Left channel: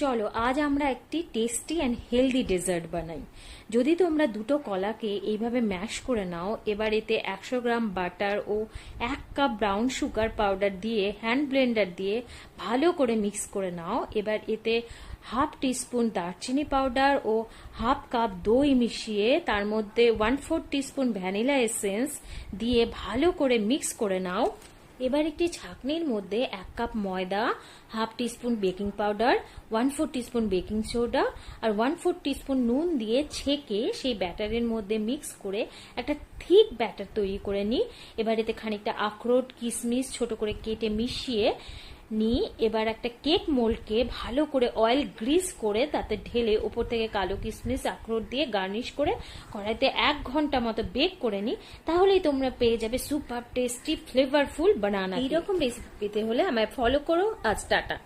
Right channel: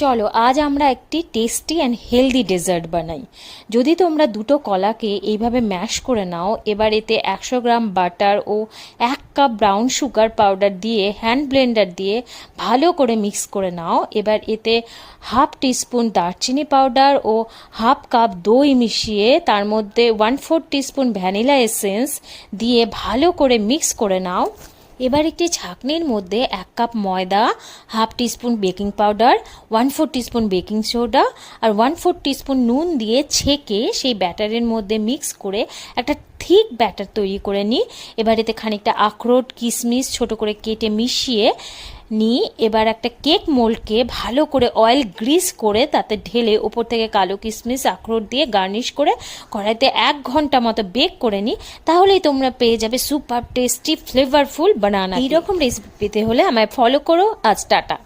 চলো আজ আমরা একটি টেস্টি অ্যান্ড হেলদি ডেজার্ট বানাই। যদি তোমরা দুটো কলাকে এইভাবে ম্যাশ করে নাও, এবার এতে 100 গ্রাম বাটার ও 1 কাপ ব্রাউন সুগার পাউডার দিয়ে হ্যান্ড ব্লেন্ডার দিয়ে ভালো করে মিক্স করে নাও। এবার এতে হাফ টিস্পুন দারচিনি পাউডার ও হাফ কাপ দই মিশিয়ে তার মধ্যে 1/4 টিস্পুন ভ্যানিলা এসেন্স দিয়ে ভালো করে মিক্স করে নাও। এবার একটি ছাঁকনির মধ্যে 1 কাপ ময়দা, half teaspoon baking powder, 1/4 teaspoon baking soda আর 1/4 টিস্পুন নুন দিয়ে ছেঁকে সেই ব্যাটারের মধ্যে মিক্স করে একটা থিক ব্যাটার তৈরি করে নিই। এবার এতে খানিকটা আখরোট কিশমিশ ছোট করে কেটে মিশিয়ে নিই। এবার একটা কেক মোল্ডকে ভালো করে অয়েল গ্রিস করে তাতে ঢেলে ওপর থেকে কালো কিশমিশ আখরোট দিয়ে গার্নিশ করে কড়াইতে 1 ঘন্টা মতো বেক করে নিই। তাহলেই তোমরা পেয়ে যাবে সুপার টেস্টি ফ্লেভারফুল বানানা। এইরকম রেসিপি পেতে হলে আমায় ফলো করো। আজ টাটা।